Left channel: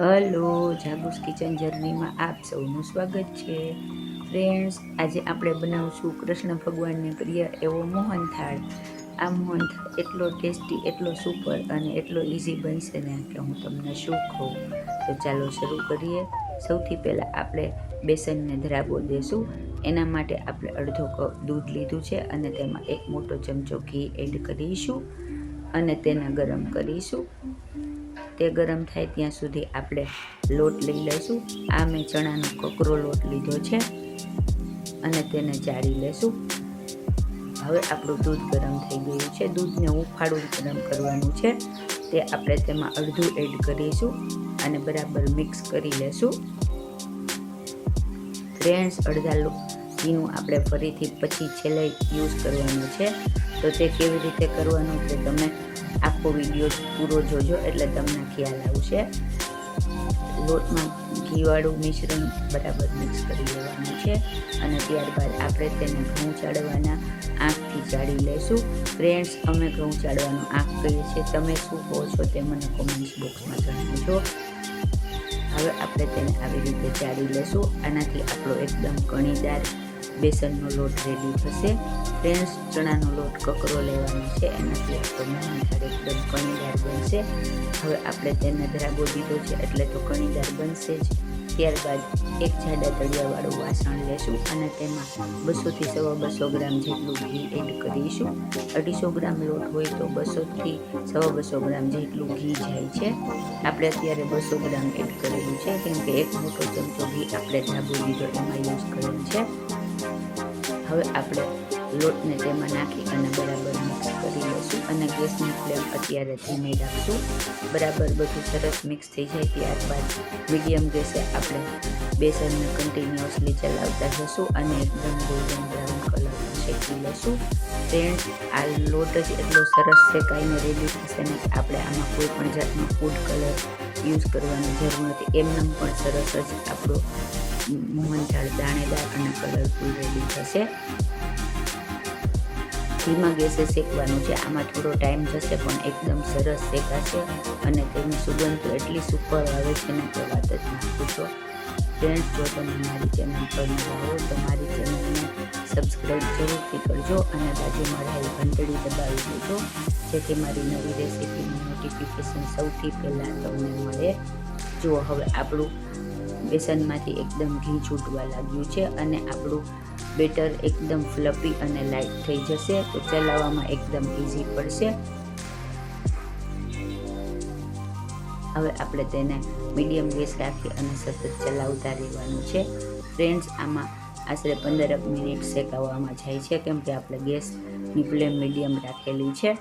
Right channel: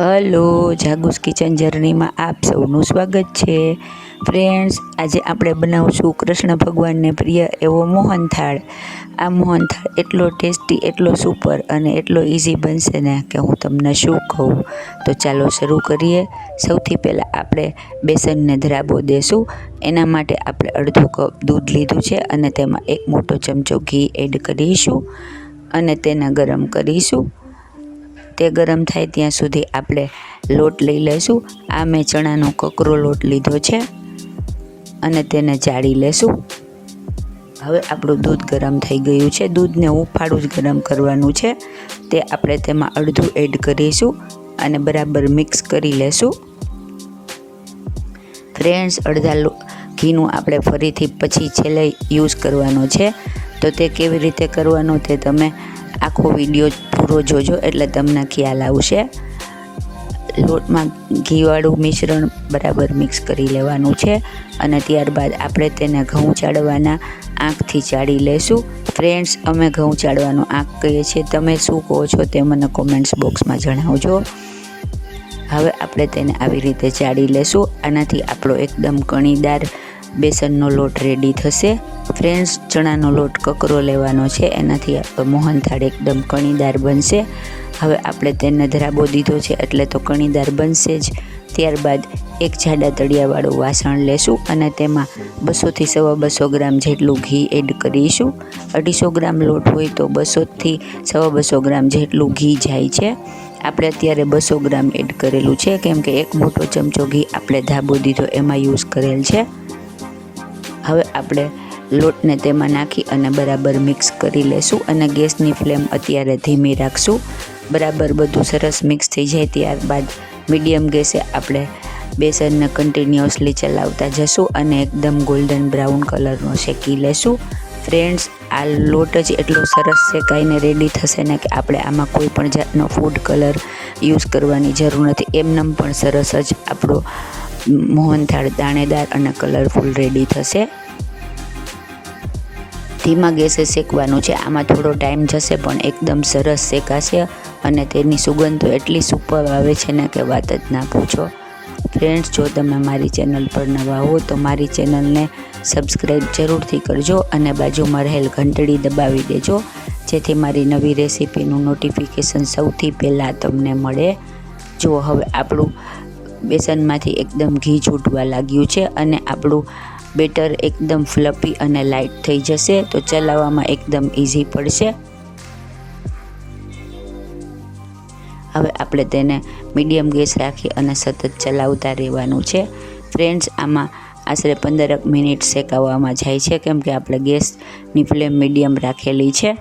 Hello, જાગુસ kitchen જર્નીમાં આપ સૌનું સ્વાગત છે. ફ્રેન્ડ્સ, આજે આપણે બનાવશું કૃષ્ણ ભગવાનને પ્રિય એવો મોહનથાળ. આ મોહનથાળ એટલો ટેસ્ટી, એટલો સુપર અને એટલો ઇઝી બનશે ને કે હું તમને શું કહું. તો ચાલો શરૂ કરીએ. સૌથી પહેલાં આપણે બેસનને ધરાબો દેશું. એના માટે આપણે અડધો કપ દૂધ લીધું છે અને તેમાં એક મોટો ચમચો ઘી એડ કરીશું અને તેને ગરમ કરીશું. તે ગરમ થાય ત્યાં સુધી આપણે લોટ લઈ લઈશું. આ મેં ચણાનો કકરો લોટ લીધો છે અને તેને જાળી લેશું. હવે આપણું દૂધ ગરમ થઈ ગયું છે. દૂધને ઉફાળું જ ગરમ કરવાનું છે. તે આપણે તેમાં અડધું એડ કરીશું અને બરાબર મિક્સ કરી લેશું. ફ્રેન્ડ્સ, અડધા ઘીનું આપણે ફરીથી પછી છેલ્લે યુઝ કરવાનો છે. તો તે કેવી રીતે કરવાનો તે તમે આખો વીડિયો પૂરો જોજો એટલે તમને ખ્યાલ આવશે. લોટમાં ઘીવાળું મિશ્રણ બરાબર મિક્સ કરી લેવાનું છે અને ત્યારબાદ આપણે તેને ઘઉં ચાળવાના આંખથી ચાળી લેશું. ફ્રેન્ડ્સ, અમે ઘઉં ચાળવાનું આંખ કહીએ છીએ. તમે શું કહો છો તે મને કોમેન્ટ્સ બોક્સમાં જણાવજો. હવે આપણે તેને આવી રીતે ચાળી લેશું. આનાથી આપણો એકદમ કણીદાર બેસનનો લોટ રેડી થશે. ફ્રેન્ડ્સ, ચણાનો લોટ કકરો લેવાનો છે. એનાથી આપણો મોહનથાળ એકદમ કણીદાર બનશે. હવે આપણે તેને ધરાબો દીધો છે એટલે તો કણીદાર બનશે જ. ત્યારબાદ એક જાડા તળિયાવાળું વાસણ લેશું અને તેમાં બસોથી સવા બસો ગ્રામ જેટલું ઘી એડ કરીશું. અઢીસો ગ્રામ લોટ હોય તો બસોથી સવા બસો ગ્રામ જેટલું ઘી જાય છે. આપણે અત્યારે બસો ગ્રામ એડ કરેલું છે. કેમ કે એક મોટો ચમચો ઘી આપણે ધાબો દીધો એમાં યુઝ કરેલ છે. હવે આપણે લોટને તેમાં નાખી અને બરાબર મિક્સ કરી લેશું અને ગેસની ફ્લેમ અત્યારે ધીમી રાખશું. બરાબર બધું સરસ મિક્સ થઈ જાય ત્યારબાદ મીડિયમ ગેસે આપણે બેસનને કન્ટિન્યુઅસલી ચલાવતા જશું અને એકદમ ગોલ્ડન બ્રાઉન કલરનો શેકી લેશું. ફ્રેન્ડ્સ આ લોટ જ એટલો સરસ શેકાઈને રેડી થશે ને કે આપણે આમાં કોઈ પણ જાતનો ફૂડ કલર યુઝ કરવાની જરૂર નથી. એમનેમ પણ સરસ જ આપણો મોહનથાળ, દાણેદાર અને કલરફુલ રેડી થશે. ધીમા ગેસે શેકવાનું છે. આમાં થોડો ટાઈમ જશે, પણ એકદમ સરસ શેકાશે અને તેની સુગંધ એટલી સુપર આવે છે ને કે વાત જ ના પૂછો. ફ્રેન્ડ્સ જો તમે મારી ચેનલ પર નવા હો, તો મારી ચેનલને સબસ્ક્રાઈબ જરૂરથી કરજો અને બાજુમાં રહેલ ઘંટડી દબાવી દેજો. જેથી મારી નવી રેસીપીનું નોટિફિકેશન સૌથી પહેલાં તમને મળે. જો હવે આપણું બેસનમાંથી એકદમ ઘી છૂટવા લાગ્યું છે અને આપણું બેટર એકદમ ફ્લપી અને લાઇટ થઈ જશે તો ચલાવવામાં એકદમ ઇઝી પડશે. હવે આપણે તેને મીડિયમ ગેસ રાખી અને સતત ચલાવતા રહેવાનું છે. ફ્રેન્ડ્સ, આમાં આશરે પંદરક મિનિટ શેકાવવામાં જાય છે કેમ કે આપણે ગેસની ફ્લેમ મીડિયમ રાખેલી છે.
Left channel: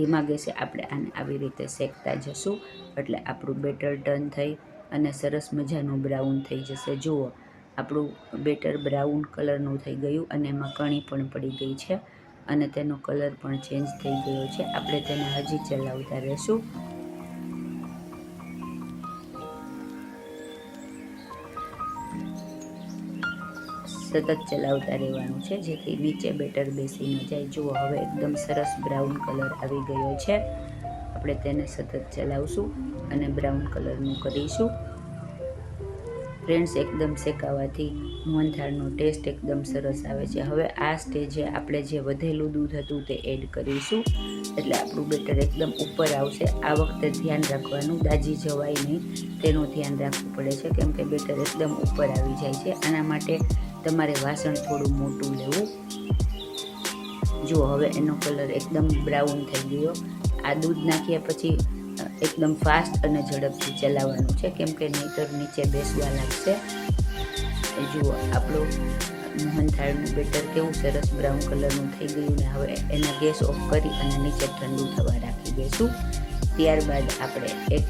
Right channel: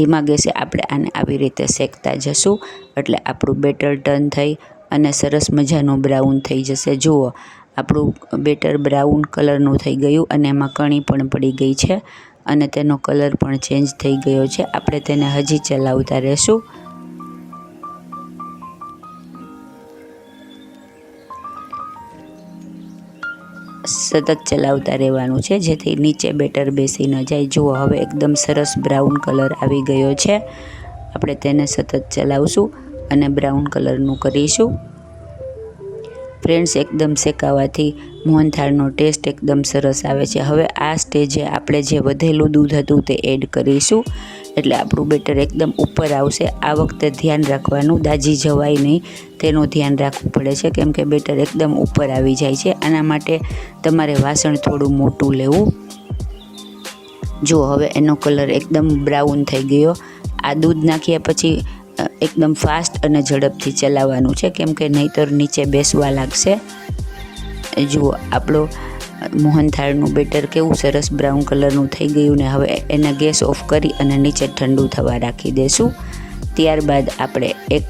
ધીમા ગેસે આપણે આને આવી રીતે શેકતા જશું. એટલે આપણું બેટર ટર્ન થઈ અને સરસ મજાનું બ્રાઉન થઈ જશે. જુઓ, આપણું બેટર બ્રાઉન કલરનું થઈ ગયું અને એમાં કણી પણ પડી ગઈ છે અને તેનો કલર પણ ચેન્જ થઈ ગયો છે. આપણે તેને હજી ચલાવતા રહેશું. સતત ચલાવતા રહેવાનું છે. જેથી નીચે બેટર બેસી ન જાય. જુઓ, હવે એકદમ સરસ બ્રાઉન કલર આવી ગયો છે. આપણે તેને સતત ચલાવશું અને બ્રાઉન કલરનું કરીશું. ફ્રેન્ડ્સ, એકદમ શેકાવાથી મોહનથાળનો ટેસ્ટ એકદમ સરસ આવે છે. હવે આ સ્ટેજે આપણે જે વધેલું દૂધ હતું તે એડ કરીશું. એટલે આપણું બેટર એકદમ ઉપર આવશે. આ વખતે ધ્યાન રાખવાનું, દાજી જવાય નહીં. તેનું ધ્યાન રાખવું પડે છે, કેમ કે બેટર એકદમ ઉપર આવી જાય છે. આના માટે તમારે વાસણ થોડું મોટું લેવું. જો હવે એનો કલર એકદમ બ્રાઉન થઈ ગયો. આ દૂધ નાખ્યા પછી એકદમ ફાસ્ટ અને ઝડપથી ચલાવવાનું છે, કેમ કે નહીતર નીચે બેસવા લાગશે. જુઓ, આપણો મોહનથાળનું બેટર કેવું સરસ બ્રાઉન કલરનું થઈ ગયું ને હવે એને ગેસ ઓફ કરી અને નીચે ઠંડુ થવા રાખી દઈશું ત્યારબાદ આપણે એક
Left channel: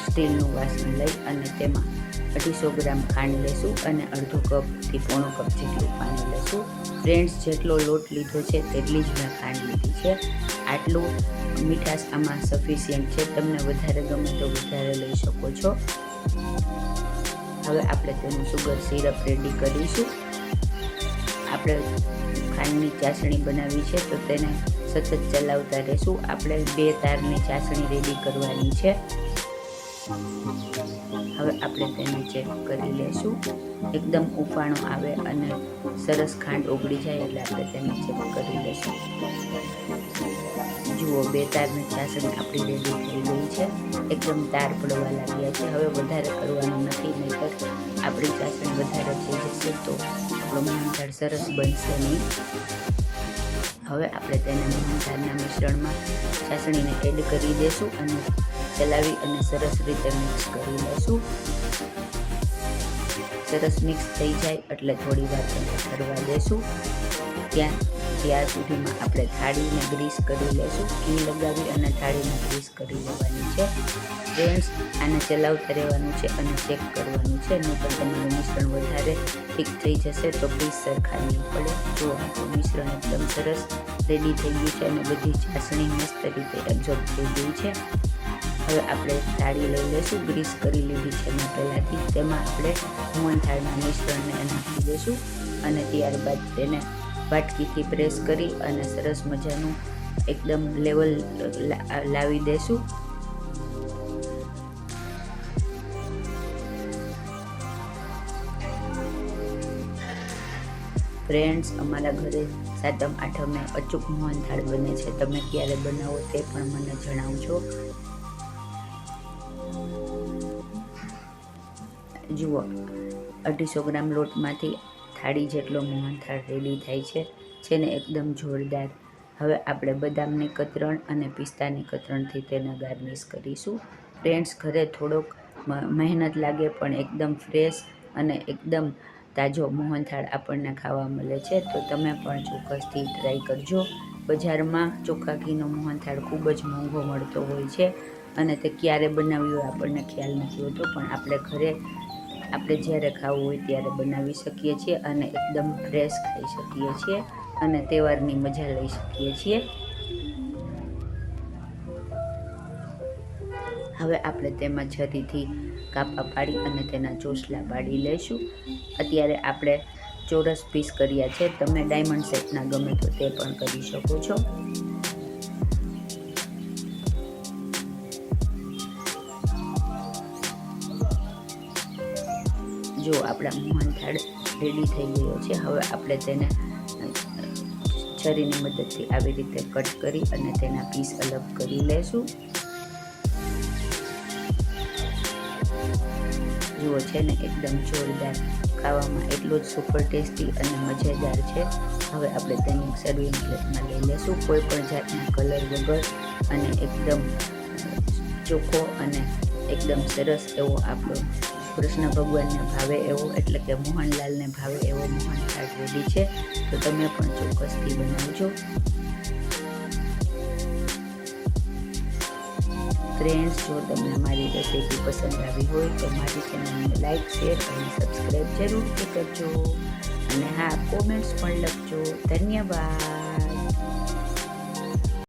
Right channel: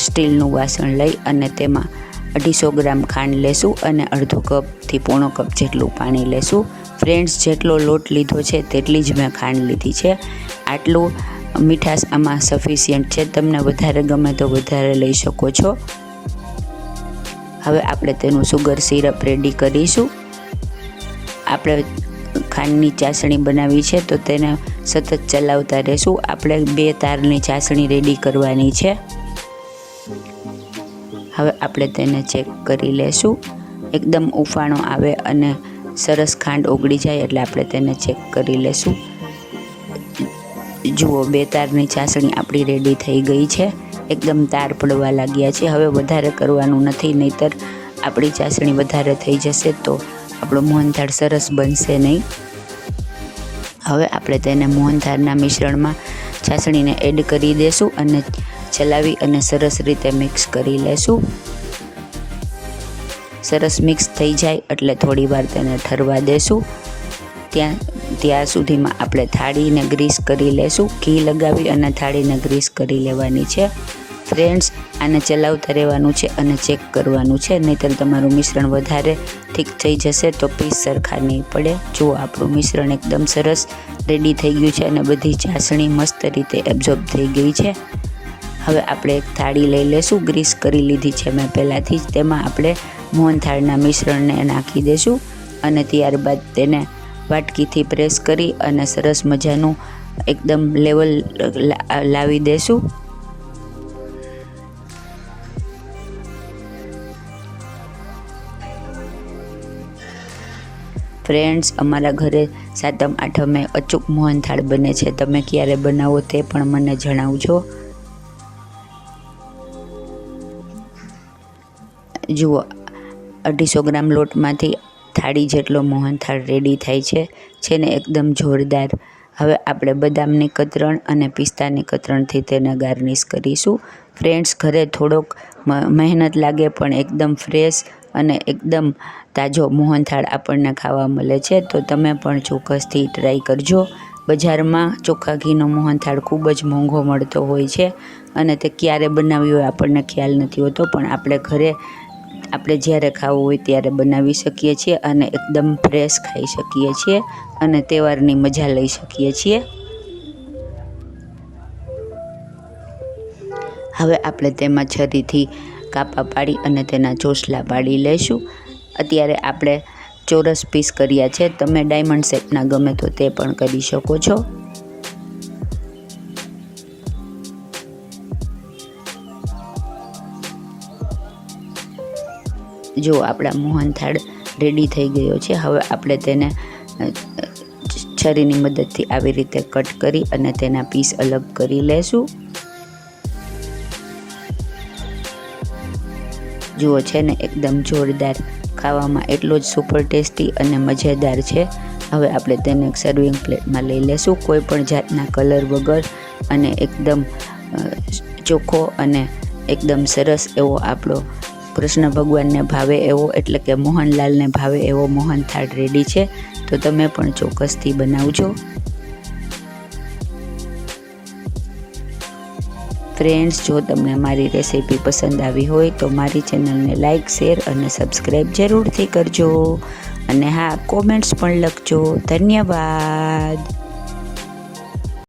સ્ટીલનું વાસણ લઈ અને તેમાં અઢીસો ગ્રામ ખાંડ લેશું અને અડધો કપથી પોણો કપ જેટલું પાણી લેશું. ફ્રેન્ડ્સ, જેટલો લોટ લીધો છે તેટલી જ મેં ખાંડ લીધી છે. આટલું મીઠાશ આમાં સફિશિયન્ટ છે. તમને વધારે ગમે તો વધારે લઈ શકો છો. હવે આપણે તેનું સુગર સિરપ રેડી કરીશું. આપણે ખાંડની ચાસણી બનાવી છે, તો તેને સતત ચલાવતા રહેશું. આપણે બે તારની ચાસણી રેડી કરવાની છે. હવે આપણે તેને ચેક કરી લેશું. એકદમ ઉફાણો આવે અને સરસ ખાંડ ઓગળી જાય એટલે આપણે તેને ચેક કરી લેશું. જુઓ, બે તારની ચાસણી આપણી રેડી થઈ ગઈ છે. એકદમ તાર પડવા લાગ્યા છે. હવે વધારે કરવાનું નથી, નહીતર આપણી ચાસણી વધારે થઈ જશે તો આપણો મોહનથાળ સરસ બનશે નહીં. હવે આપણે તેને મોહનથાળના મિશ્રણમાં છાસણીને એડ કરી દેશું અને ચલાવી અને સરસ રીતે મિક્સ કરી લેશું. સરસ મિક્સ થઈ જાય એટલે થોડી વાર તેને ઠરવા દેશું. ત્યાં ત્યાં સુધીમાં આપણે થાળીને ગ્રીસ કરી લેશું. ઘી લગાવી અને થાળીને ગ્રીસ કરી લેવાની છે. ફ્રેન્ડ્સ આને ચલાવતા રહેવાનું છે અને ચેક કરવાનું છે. નહીંતર તમારું મિશ્રણ વધારે ઠીક થઈ જશે તો પીસ સરખા નહીં પડે. જુઓ આપણું મિશ્રણ એકદમ સરસ રેડી થઈ ગયું છે અને બધી ચાસણી મસ્ત રીતે એબ્ઝોર્બ થઈ ગઈ છે. હવે આપણે એક થાળી લઈ લેશું. ગ્રીસ કરી લીધી છે મેં પહેલાંથી જ. તેમાં આપણે મોહનથાળના મિશ્રણને નાખી દઈશું અને ત્યારબાદ તેને વાટકીથી પ્રેસ કરી અને સરસ મજાનું એકદમ લેવલ લાવી દેશું. ફ્રેન્ડ્સ અમારા ઘરે સાતમ, આઠમે અચૂક મોહનથાળ બને છે. તમે ક્યારે બનાવો તે પણ મને જણાવજો. જુઓ, અઢીસો ગ્રામ લોટમાંથી થાળી જેટલો મોહનથાળ રેડી થાય છે. છે ને એકદમ જોરદાર. હવે આપણે બદામની કતરણ અને પિસ્તાની કતરણથી તેને ગાર્નિશ કરીશું. ફ્રેન્ડ્સ ઘરે થોડોક મહેનત લાગે પણ એકદમ ફ્રેશ અને એકદમ તાજો મોહનથાળ આપણને ખાવા મળે છે, તો તમે પણ ચોક્કસથી ટ્રાય કરજો. બજારમાં ચોખ્ખા ઘીનો મોહનથાળ ખૂબ જ મોંઘો મળતો હોય છે અને તે ક્યારે બનાવ્યો હોય આપણને ખ્યાલ નથી હોતો, પણ આપણે ઘરે આપણે જ્યારે ખાવું હોય ત્યારે બનાવી શકીએ છીએ અને એકદમ ફ્રેશ ખાઈ શકીએ છીએ અને તહેવારની મજા લઈ શકીએ છીએ. હવે આપણે તેમાં છરીથી કાપા પાડી અને તેના ચોસલા પાડી લઈશું અત્યારે આપણે ચોરસ પીસ કર્યા છે. તમે ડાયમંડ શેપના ગમે તો તે પણ કરી શકો છો. જો આપણા મોહનથાળ રેડી થઈ ગયો છે, હવે આપણે તેને છરીની મદદથી આવી રીતે કટ કરી અને તેના પીસ અલગ કરી લેશું. જુઓ છે ને, એકદમ જોરદાર ખાવામાં એટલો જ સુપર ટેસ્ટી અને મજેદાર છે. હવે આપણે તેને એક સર્વિંગ પ્લેટમાં લઈ લેશું, કોઈ પણ જાતના કલર વગર અને એકદમ ચોખ્ખો અને એકદમ સરસ એવો આપણો કૃષ્ણ ભગવાનને ભાવે એવો, એટલે કે મોહનલાલને ભાવે એવો મોહન થાળ રેડી છે. તો તમે પણ ચોક્કસથી બનાવજો. ફ્રેન્ડ્સ જો તમને મારી રેસીપી પસંદ આવી હોય તો મારી ચેનલને લાઇક શેર અને સબસ્ક્રાઈબ જરૂરથી કરજો. અને હા કોમેન્ટ્સ પણ લખજો. ધન્યવાદ.